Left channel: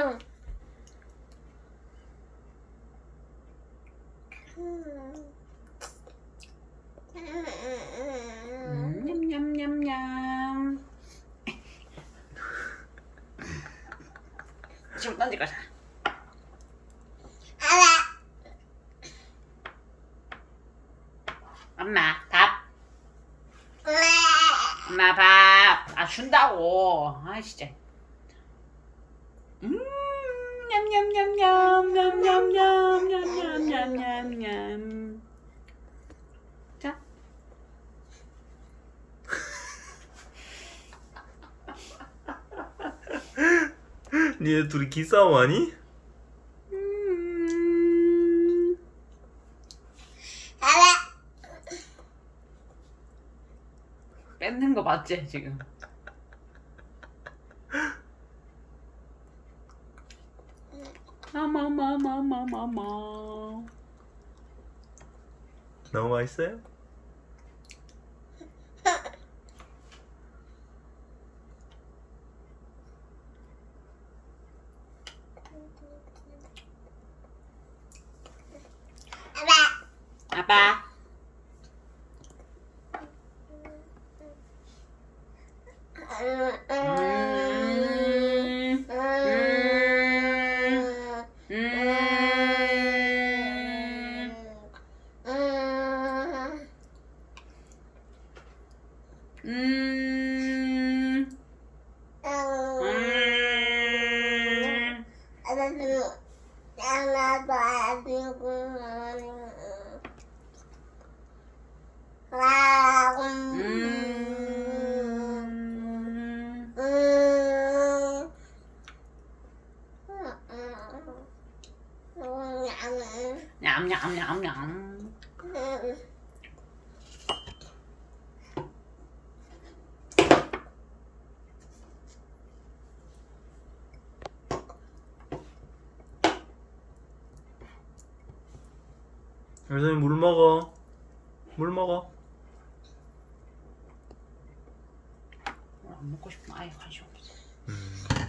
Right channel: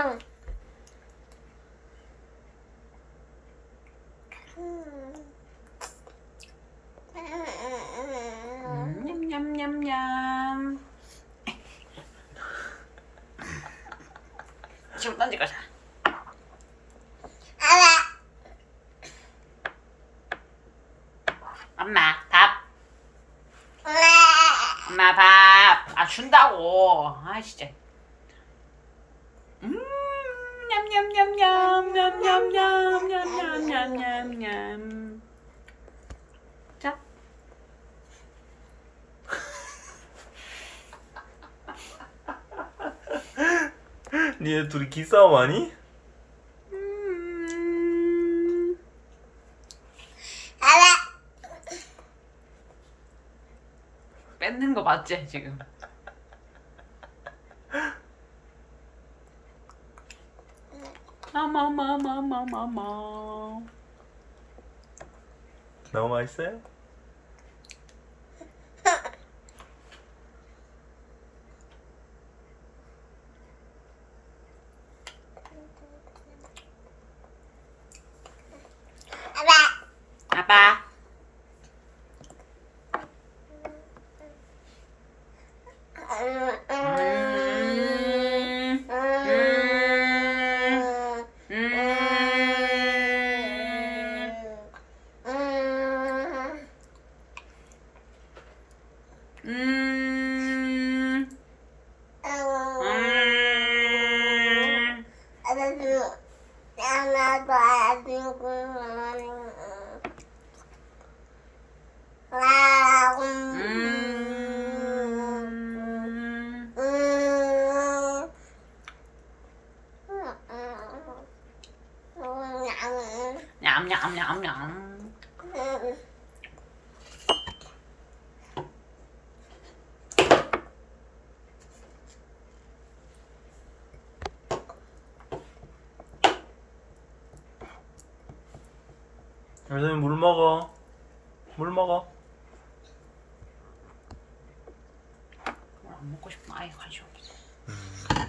음, 냠냠냠냠. 좀 던지가자. 엄마 밥. 엄마 밥. 아 준다고. 아 진짜. 음 냠냠냠냠냠냠냠냠냠냠냠. 자. 니네 둘이 기싸움 하니? 음. 뺏는 거 맞지 지금? 마마마마마마마. 너무 맛있어요? 아빠. 음. nhậm nhậm nhậm nhậm. 여전히 물 먹어. 물 먹어. 안 먹고 싶어. 아예 관심 없어. 음.